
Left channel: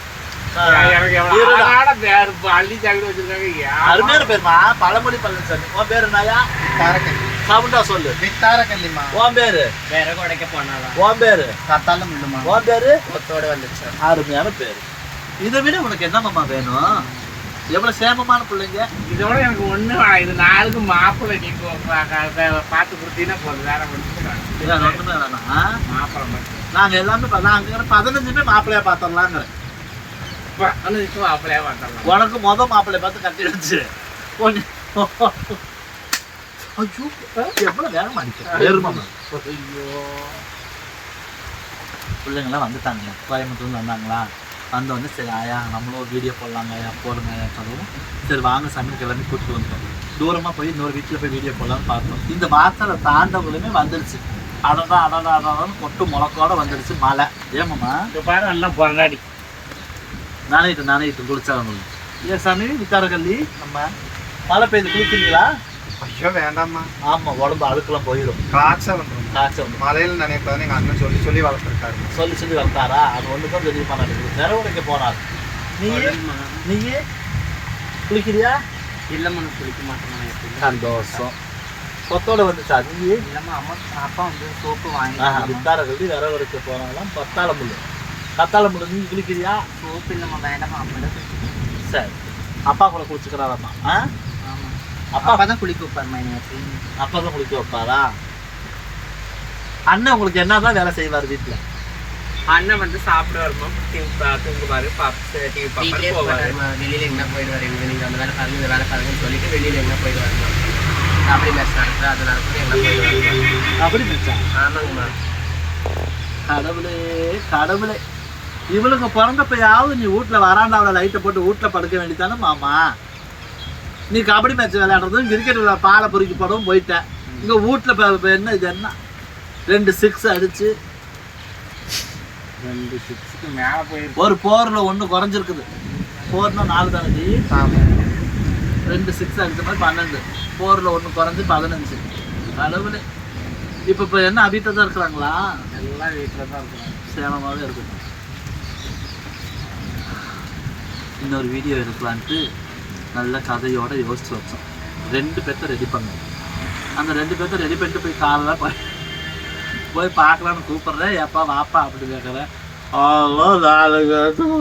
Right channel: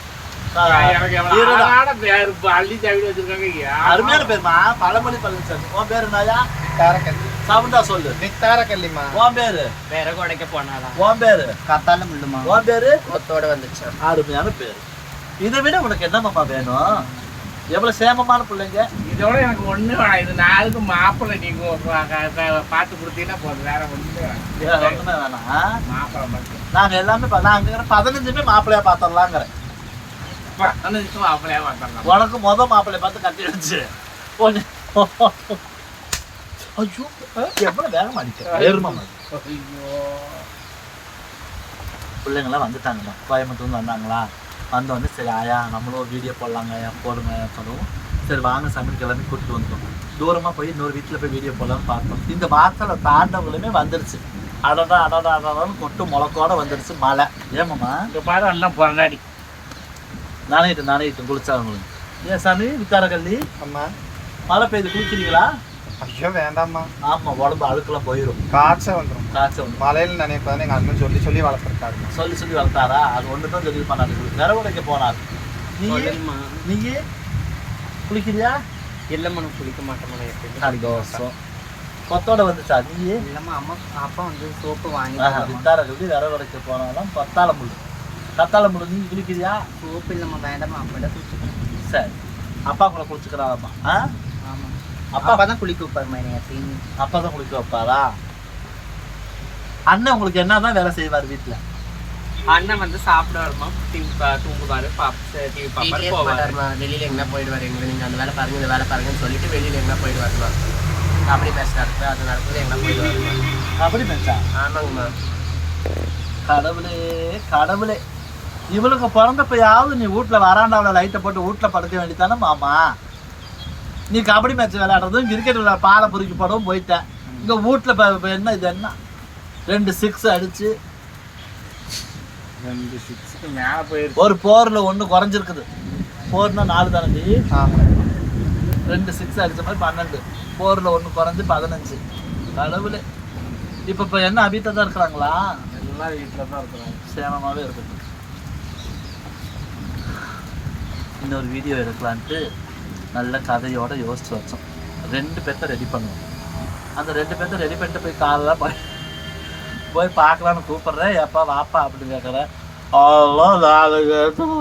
அருமையான பேருமா? பழமொழி பழனிசாமி உன் பேரு என்னயா தாரக்கல்லி சவுண்டா சொல்லு. வித்தாரக்கல்லிமா உன் பேரு? விறகு உடைக்க போனாலாம் உன் பேரு? கத்தால முள்ளுமா உன் பேரு? கொத்தோட வந்துச்சு. அருமையான பேரு. இதை விட உனக்கு என்ன மாமா வேணும்? எவ்வளவு சேமமான பிள்ளைங்க? இதோட எனக்கு ஒண்ணு. இது நாளுக்கு மாப்பிள்ளை நீங்க பா- பா- பார்த்து கொடுத்தீங்கன்னா போதும். வேற ஒண்ணுமே வேற வேணாம். மாப்பிள்ளை மட்டும். நாங்க எல்லாமே நாங்க பதினஞ்சுமே மாப்பிள்ளையா பார்த்தோம்லாங்கிறேன் மாப்பிள்ளையா பார்த்துடலாம் உனக்கு முத மாப்பிள்ளை பார்த்து கட்டி பொண்ணு ஐயோ எவ்வளவு வேகம் அடிக்க எருமாமா ஐயோ. பிள்ளைங்களாம் வந்துட்டாங்கம்மா கோயம்புத்தூர்ல வந்தாங்களா? வந்தோடனே சரி ஆயா நம்மளும் ஒரு வீடியோ போடலாங்க போடுங்க சொல்லவும். சரி வாங்க சமையல் கிளம்பி கூட்டிட்டு வந்துட்டோம். தூரமாக போய் இன்னொரு வீட்டில் போய் வீடியோ போடலாம்னு பார்த்தோம். இந்த வாசலை தாண்டவங்களுமே வந்துருச்சு. அடடா அடடா அடடான்னு கொட்டு முளக்கோட வந்துருச்சு மழை. ஏமாம்மா இந்த பாரு எல்லாம் பொறடாடி நானேட்டு நானேட்டு குளிச்சாங்க ஏன் சாமி வித்தாரக்கல்லி அம்மா மழை பெய்து குளிக்கிறீங்களா? ஐயோ வேண்டாம்மா. ஆமா உடம்பு அழுக்கெல்லாம் போயிடும் காய்ச்சல் வந்துடும் காய்ச்சல் வந்து மலையில நினைப்பதான் எங்க அண்ணன் சொல்லி சொல்லி வளர்த்துருக்காருமா சொல்லி சொல்லி வளர்த்தாரா? அது ஒன்று தான் தெரியுமா நடக்குது வேற உடைக்க போனார். நீ நீயே குளிக்கிறியா? இல்லம்மா நான் குளிக்க மாட்டேன் சந்தோஷம். கொத்தோட வந்துச்சா நீ இல்லம்மா அம்மா அப்பா வந்து சோப்பு வாங்கி வித்தார கல்வி விற உடைக்க போனாலும் பத்தாள முள்ளு கத்தாழ நீ குளிக்கிறியா? சோப்பு இல்லம்மா வேண்டாம்மா அம்மாட சரி. அப்பா கூட குளிச்சுக்கிறாரம்மா. ஆ? ஆமா. அப்பா? அப்பா தான் குளிக்க வைப்பாருமா என்னைய எப்பயுமே அப்பா தான் குளிக்க வைப்பாரா? அண்ணன் உங்களுக்கு என்னதான் வேலை செய்வார் வீட்டில் அண்ணன் வந்து சாப்பிடுவாருமா தூங்குவாரு. டிவி வீட்லயே இருக்க பார்ப்பாரு போவாரு. மாட்டாருமா? வெளியில எங்கன்னா போயிடுவாரு எங்க நீங்க அந்த வேலை பாருங்க இந்த வேலை பாருங்கன்னு சொல்லிட்டு வெளியில எங்கன்னா போயிடுவாருமா? கபடி மேட்ச் நடக்குது அது நடக்குது எங்கன்னா போயிடுவாருமா அப்படி மச்சான் ஆமாங்கம்மா. கடவுளே கடவுளே. இவளுக்கு பிறந்தப்பயாவது நீ வீட்டில் வராண்டாவில் லைட்டை போட்டு வீட்டில் படுக்க வேண்டியதானே மாமா? நீ கபடி மேட்ச் விளையாடுறதும் கிரிக்கெட் விளையாட பாலை பொறுக்கி போடவும் போயிட்டேன் இங்கே வீட்டில் இப்போ என்ன இது என்ன? ரெண்டு சிக்ஸ் அடிச்சு. ரெண்டு சிக்ஸுக்கு மேல போயிருக்கு. ஒரு போரில் ஒன்று குறைஞ்சிருக்குது. போர்னா நாலு தானே ரெண்டு சிக்ஸ் அடிச்ச மாதிரி பன்னெண்டு. போரில் ஒன்று குறைஞ்சு பதினஞ்சு. கடவுளே. இப்போ இப்போ என்ன அபிட்ட தான் இருக்கிறாங்களா? எல்லாம் வீட்டில் தான் இருக்கிறாங்க. சேமமாகவே இருக்குது. இன்னொரு வீடியோ எடுக்கலான்ட்டு நல்ல கதையோட யோசிச்சு வச்சோம். ரெண்டு பேர்த்த ரெடி பண்ணுவோம் அந்த ரெண்டு பேர்த்த ரெடி பண்ணிட்டு போய் காலைல போய் போய் பார்க்கலான்னு கூப்பிட்றேன். எப்பா வாப்பா அப்படி கேட்குறேன் அவ்வளோ நாலு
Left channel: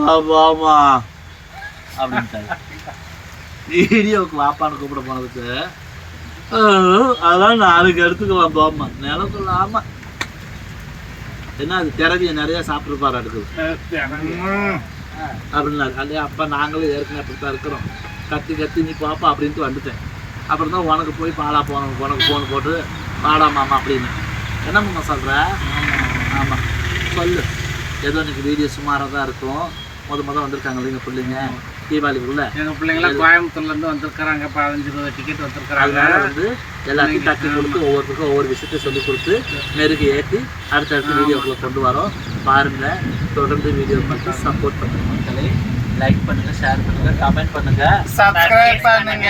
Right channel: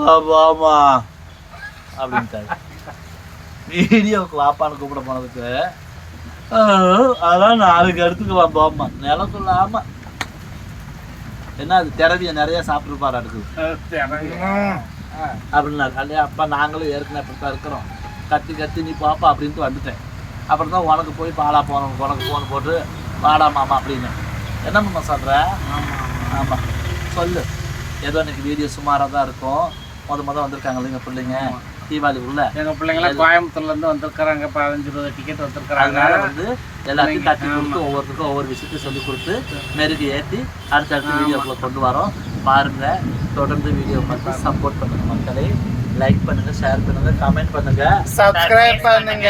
வாப்பாமா அப்படின்ட்டாரு. வீடியோவுக்கு வாப்பான்னு கூப்பிட போனதுக்கு அதெல்லாம் நாளைக்கு எடுத்துக்கலாம் போமா நிலக்குள்ள ஆமா என்ன அது திறவிய நிறைய சாப்பிட்டுருப்பாரு அடுக்குது அப்படின்னாரு அல்லையா அப்பா நாங்களும் ஏற்கனவே அப்படி தான் இருக்கிறோம். கத்தி கத்தி நீ பாப்பா அப்படின்ட்டு வந்துட்டேன். அப்புறம் தான் உனக்கு போய் பாலா போன உனக்கு ஃபோன் போட்டு பாடா மாமா அப்படின்னு. என்ன மாமா சொல்கிற ஆமாம் சொல்லு. ஏதோ இன்றைக்கி வீடியோ சுமாராக தான் இருக்கும். மொதல் மொதல் வந்திருக்காங்க இல்லைங்க பிள்ளைங்க. தீபாவளிக்குள்ள எங்க பிள்ளைங்களாம் கோயம்புத்தூர்ல இருந்து வந்திருக்கிறாங்க. பதினஞ்சு இருபது டிக்கெட் வந்திருக்கிறாங்க. வந்து எல்லாத்தையும் தட்டி கொடுத்து ஒவ்வொருத்தருக்கும் ஒவ்வொரு விஷயத்தையும் சொல்லி கொடுத்து மெருகு ஏற்றி அடுத்தடுத்த வீடியோக்குள்ள கொண்டு வரோம். பாருங்க தொடர்ந்து வீடியோ பார்த்து சப்போர்ட் பண்ணுங்க மக்களே. லைக் பண்ணுங்க ஷேர் பண்ணுங்க கமெண்ட் பண்ணுங்க. சப்ஸ்கிரைப் பண்ணுங்க.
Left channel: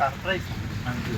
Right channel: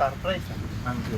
சர்ப்ரைஸ் நன்றி.